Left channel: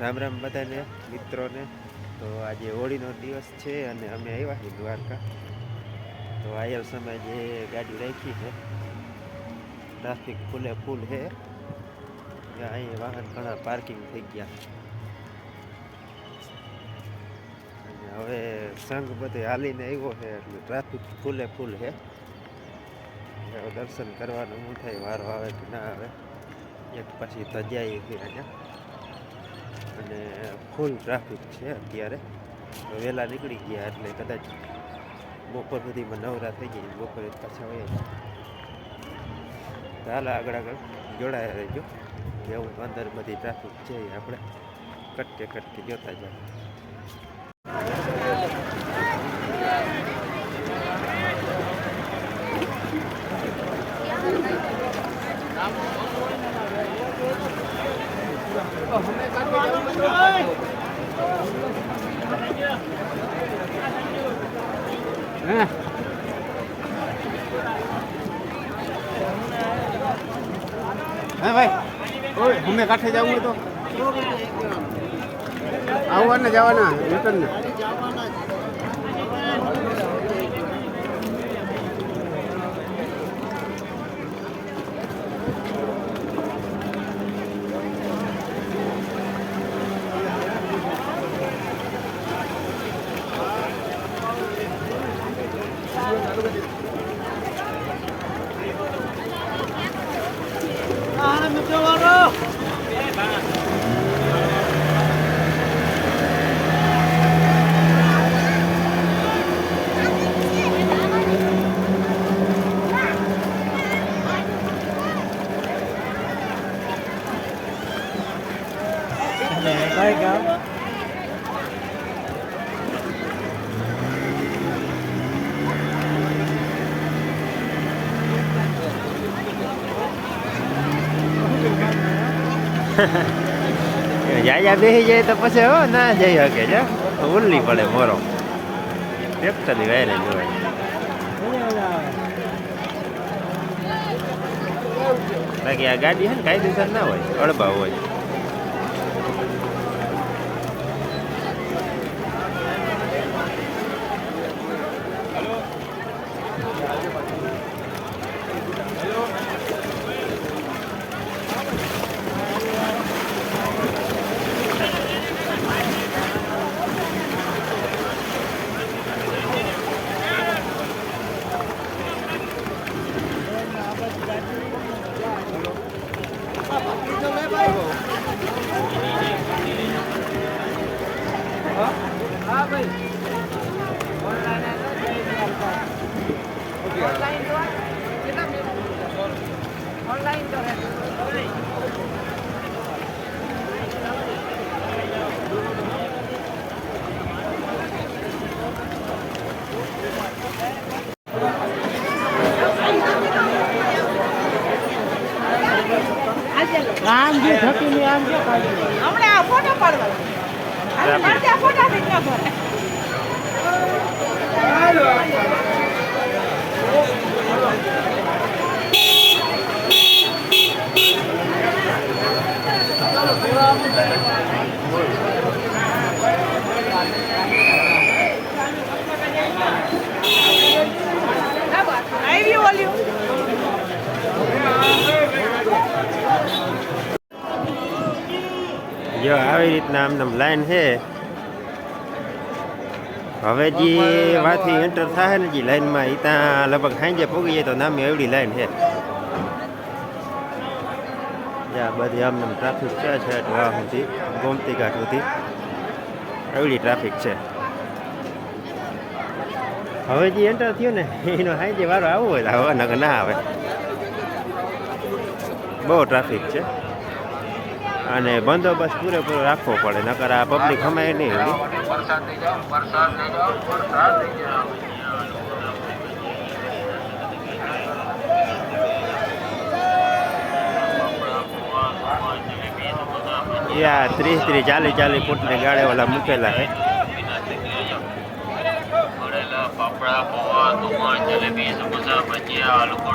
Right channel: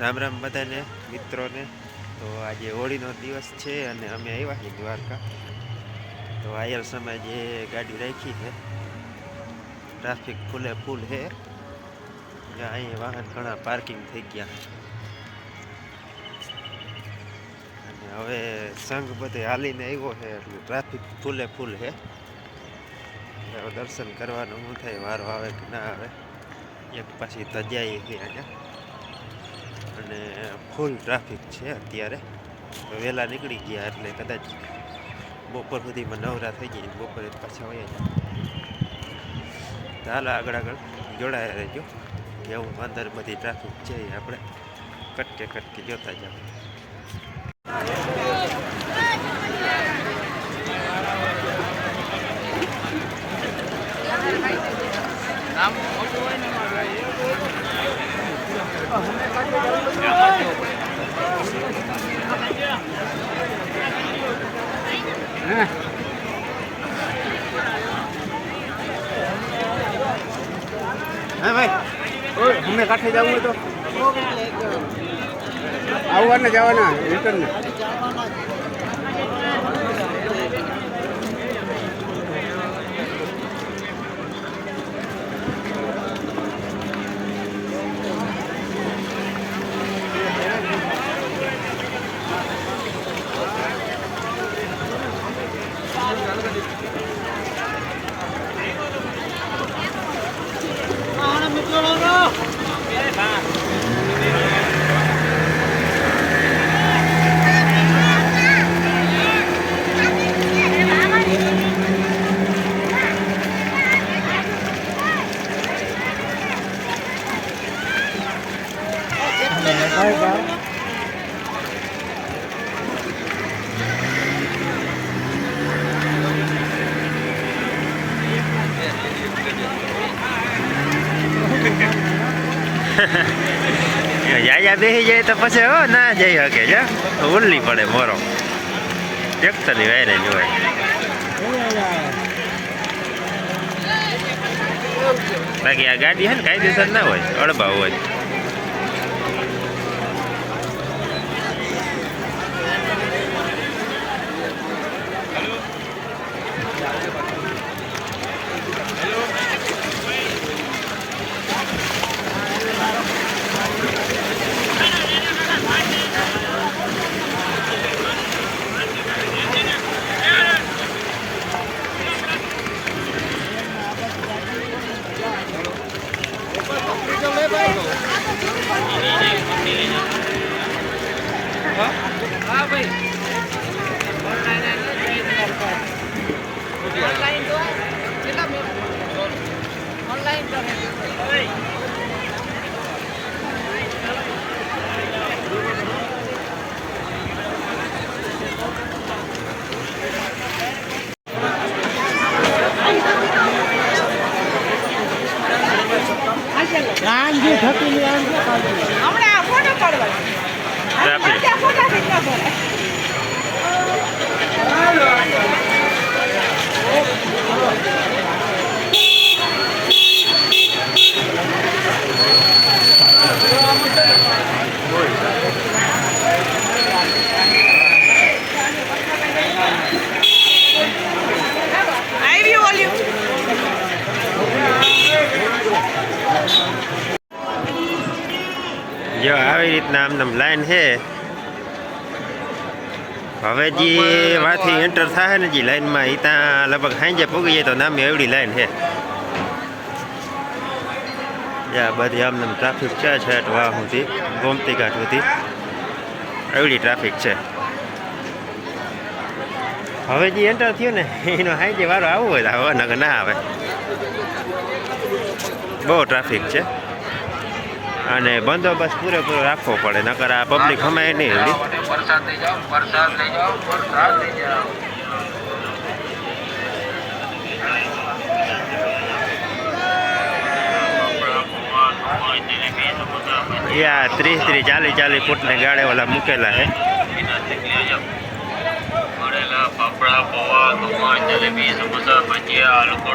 રામ રામ બધાને, મિત્રોને. તો આજે હોળીનો દિવસ છે અને અમે આવ્યા છીએ દ્વારકા. તો આયર સમય જે ગાડી રાખી છે, ટ્રાફિક ફૂલે ફૂલ છે. અહીંયા વાહન ઘણા પાર્કિંગ થઈ ગયા. અને હવે સંઘ બધે હાલીને આવ્યો છે એટલે ટ્રાફિક ફૂલે ફૂલ છે. દર્શન કરવાનું શું થાય, વારો આવે કે ના આવે. એક પાછી તજાઈ છે અહીંયા. અને ફૂલ ટ્રાફિક છે અત્યારે. વહેલા નીકળી ગયા એટલે કદાચ બપોર સુધીમાં નવરા થઈ ગઈ બપોરે પાછા વયા જાય. તો આગળ આગળ જોડાયા રહેજો. કેવું અંદર બધી ટ્રાફિક છે એ આપણે કટકે કટકે જોતા જાવ હા ભાઈ અમે કાઠે જવું તો? આવવાને જવાના રિટર્ન યાયા બેસી જાય તો પછી હો ના જઈ શકે છે ઉલ્લી પડે મોરો ટ્રેક્ટરની વાયરે જોવાય બાકી આ ગાડી છે ને કાયદેસર ના હોય અડબા હોય રામજી થતી આમ જો હમણાં ફોટો પાડવા ટ્રાફિક. આવી ઓલ્યું જો આવી રીતના આમ લાઈન છે હવે જે વાથી એન્ટર થાય ને જે લાઈનમાં એ ત્યાં લગભગ સાંજે પૂગી જાય તો નામે એવડી લાઈન છે યા બધી આમને ટ્રાફિક છે છેટ વાહ સુધી ગોમતી ઘાટ સુધી એવડી ટ્રાફિક છે હવે જે એન્ટર થયું ને એનો સાંજે વારો આવવો હોય તો હવે નકર ના આવે બહુ ટ્રાફિક છે અને બંદોબસ્ત પૂરેપૂરો રાખવો પડે, નકર આ પબ્લિક હમાય નહીં એવડી. યા ત્રીસ ત્રીસ ચાલીસ ચાલીસ ફૂટની ગાડી ઓલા મૂકેલા છે આલુ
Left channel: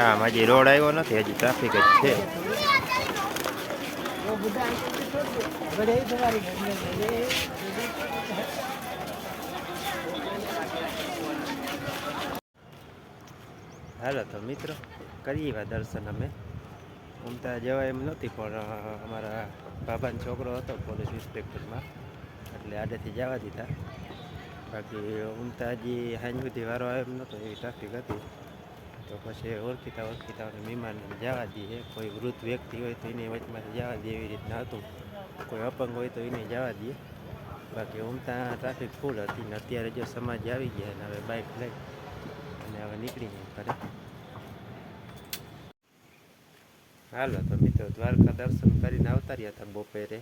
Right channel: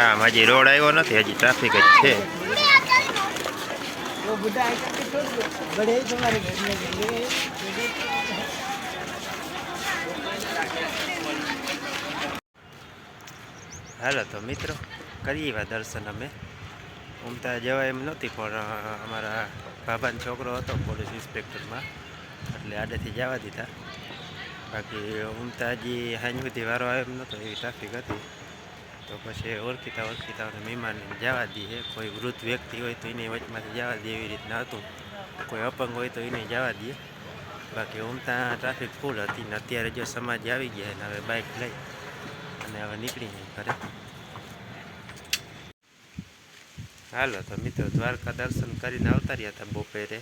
આમ હજી રોડ આવ્યો નથી, હજી ટ્રાફિક જ છે. હાલો તો મિત્રો, કરીએ એવા દર્શન અમે. ઉમતા જવાય એમ નહોતી પણ અમારા બાબાનો છોકરો હતો પોલીસ ઇન્સ્પેક્ટરમાં, એટલે આડેથી જવા દીધા. બાકી ઉમતા હજી હાંજ સુધી વારો આવ્યો એમ નહોતો, એવી ટ્રાફિક હતી. તો પછી ઓળખીતા ઓળખીતાઓને મહેમાનને જવા દઈએ. કોઈ વૃદ્ધ વ્યક્તિ હોય તો એને વચમાંથી જવા દઈએ એવી રીતના હતું. કોઈ અપંગ હોય તો એને જવા દઈએ. બાકી ઉમતા ટ્રાફિક ફૂલ હતી ને અત્યારે જો સમાજ આવી ગયા ને હવે બાઇક લઈ અને હવે નીકળી નહીં ઘરે. હાલો, તો મિત્રો દ્વારકા દર્શન કરીને આવતા રહ્યા હતા બપોરે.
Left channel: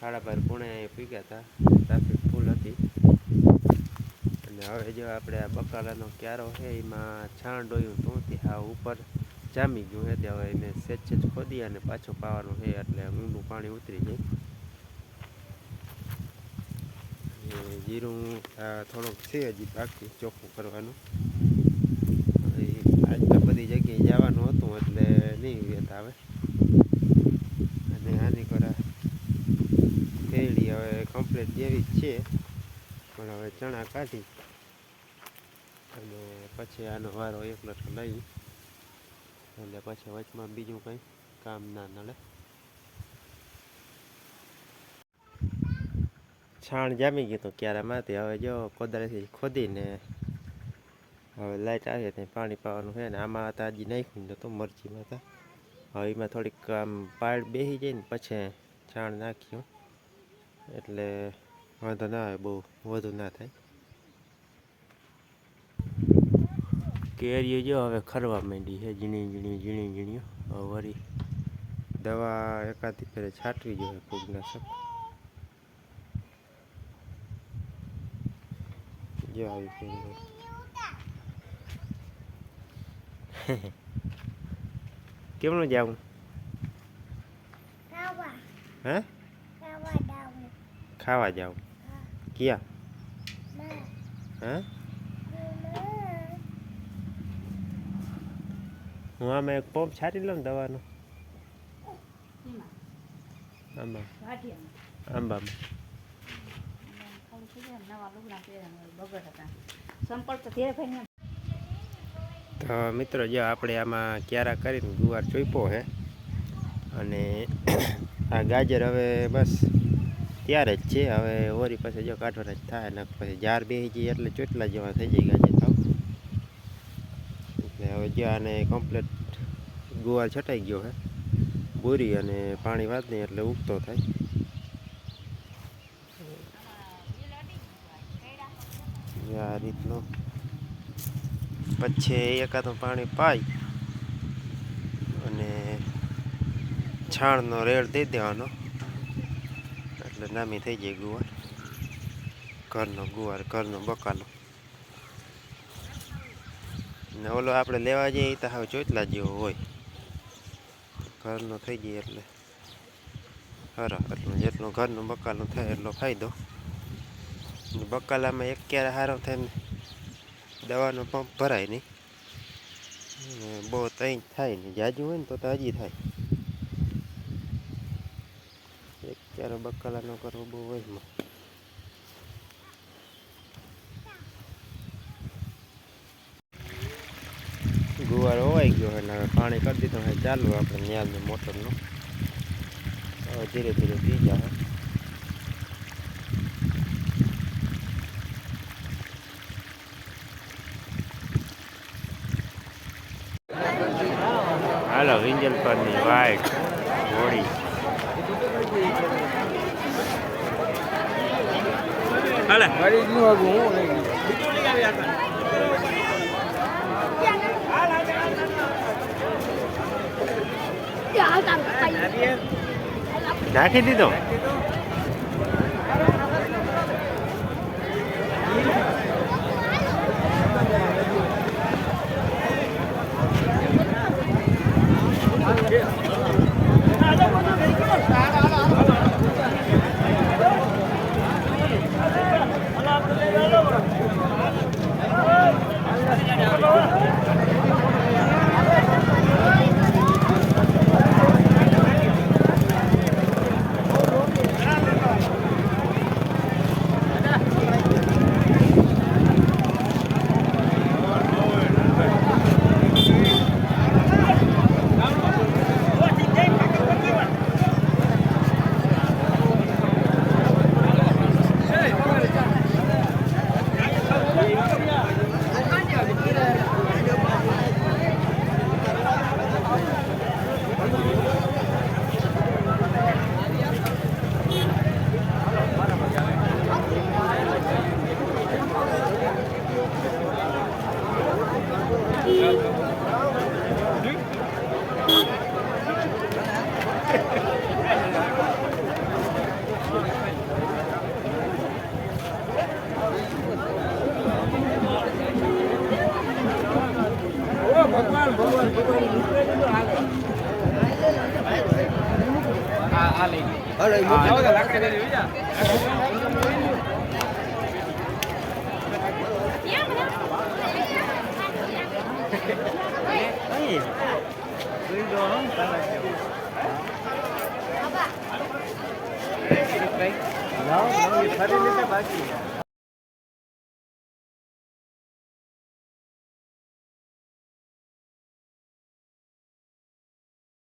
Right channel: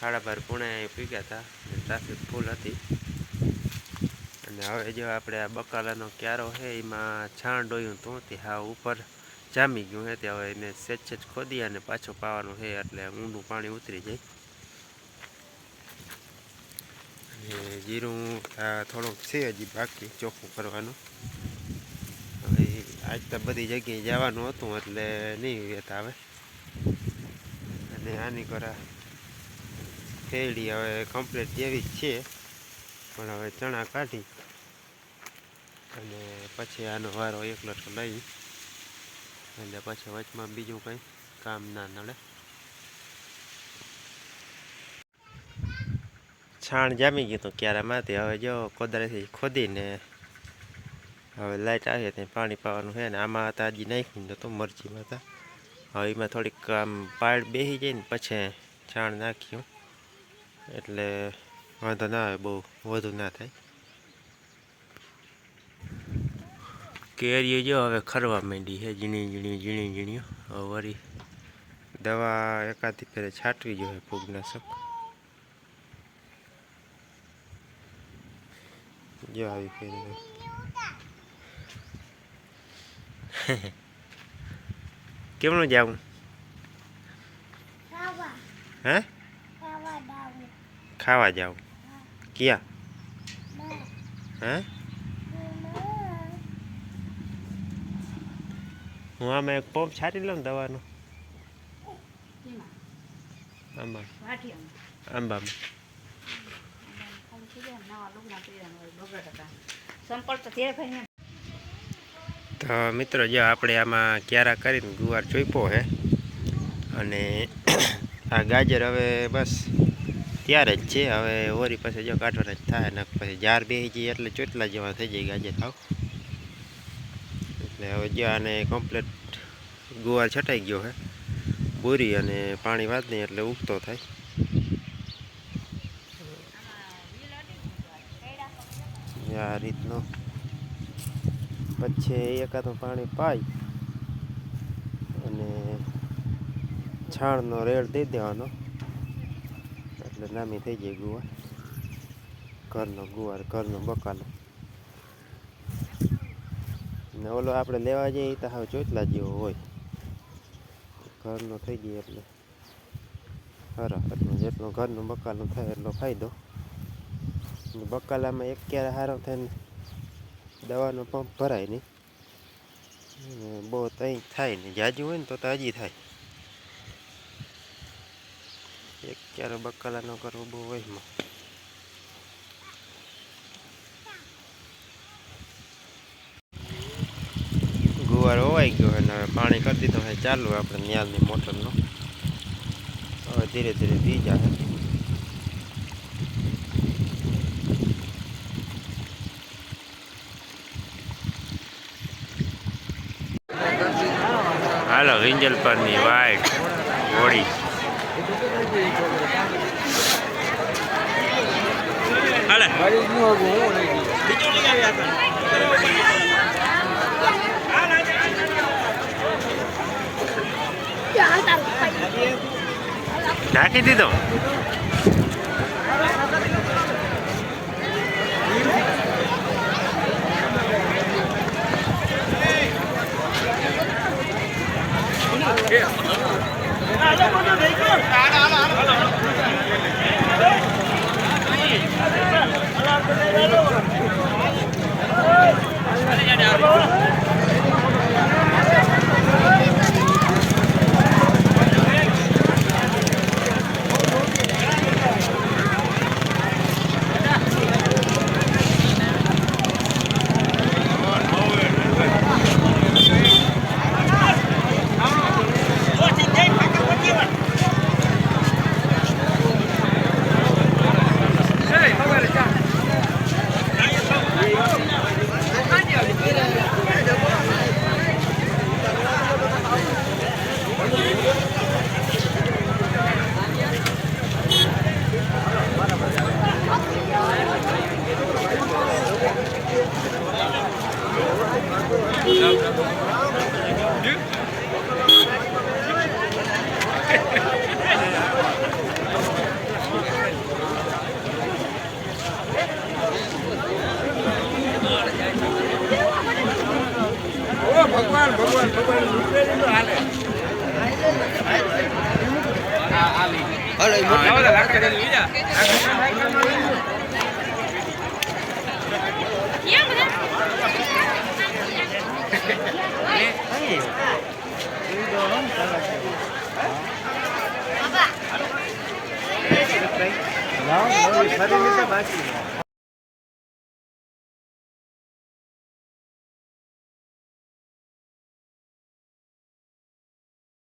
સાડા બાર પુણે પૂગ્યા હતા. ટ્રાફિક ફૂલ હતી. અને હવે જો આપણે આ બકાલાનો ક્યારો છે, એમાં છાણ ડોયું તોથી હા ઉપર જામી ગયું છે, તે હવે એને સેજ સેજ ખોદી અને પાછું પાવાનું છે, એટલે ઊંડું પાણી ઉતરી જાય. અને જીરું થોડુંક છે હજી બાકી, ચોખ્ખું કરવાનું. હવે આજના બધી જગ્યાએ જવાનું હતું, એટલે નહીં વેત આવે. અને આની કરા ફેરડી હવે કમ્પ્લીટ જેવી જ છે, પણ હવે ચણા કાઢી અને પછી આનો વારો એકલો તો લઈ. એટલે પછી વચમાં બીજું કંઈ કામ ના નડે. છાણ જામી ગયું હતું ક્યારેમાંથી હવે જો કોદરેથી ખોદીને હવે લાઇટ આવી ત્યાં પાણી પાવાનું છે ને, આમાં હતા હજી નાખ્યું નહોતું, મરચીમાં હતા. હવે એમાં થોડીક આમ પાડ બેસી જાય ને, પછી છાણ નાખ્યું. એટલે વાંધો ના આવે, બહુ વધુ ના થાય. કેરીઓ જો હવે ખરવા માંડી છે ઝીણી ઝીણી ઝીણી ઝીણીઓ. વળી દવા એકાદી ફેરે છાંટવી જોઈએ ફૂગનાશક. જો આવી ફેરી કેમનું જાવું? હે? ખાવા જાવ. ક્યાં? હે? હું આમાં એક પંપ છાંટી લઉં ને દવાનો. આંબા આંબામાં. તો મિત્રો જો આપણે આમાં ક્યારા કરીને ગુવાર ચોઈપો હે અને આ ગાજર હવે બસ ત્યારે જ છે. હવે ઓરી પાસે જો કાઢવાના જ થાય ને પછી જાર બે જાય એટલે ચોટલા જેવા થઈ જાય ગાજર થાવ એટલે હવે જ્યાં આને કમ્પ્લીટ ગુવાર છટાઈ ગયો છે બોરી અને પાણી વાત નહીં એટલે ઉગતો થાય. આ રીતનો. પછી એકાદું પાણી પાઈ અને છાણનો રેડ દઈ દેવાનો. એટલે નામી થઈ જાય ગુવાર ઘરનો ગુવાર ઘરનો બકાલો. ને ઓલો આપણે લેવા જઈએ તો હાવ ચોટલા જેવો હોય. ઘરનો થઈ ગયો એટલે. હરા એટલું જેટલું ઘરનું બકાલું થાય એટલો ફાયદો. બકાલામાં એક ક્યારે સારો થાય ને દવાનો પંપ ભરાય નહીં. બહુ તઈ થાય નહીં. જાજુ હોય ને તો હજી થાય. એક ક્યારે બકાલા ન કરવો બહુ વહેમાં ગુવાર હોવાઈ ગયો અને હવે પાણી કરી દીધું હવે ચાલુ આપણે ન્યાલની મોટરનું. હવે ધીરે ધીરે પી જાય હાલો વિંજલ પરની વાઈટ હોળી. નાખી દીધો ભગવાન ભગવાન ભગવાન રૂપિયા તો હાલે હાલે મોટા બધા લાકડા લઈ જા Three dollars. 야, 다른 회사 가지.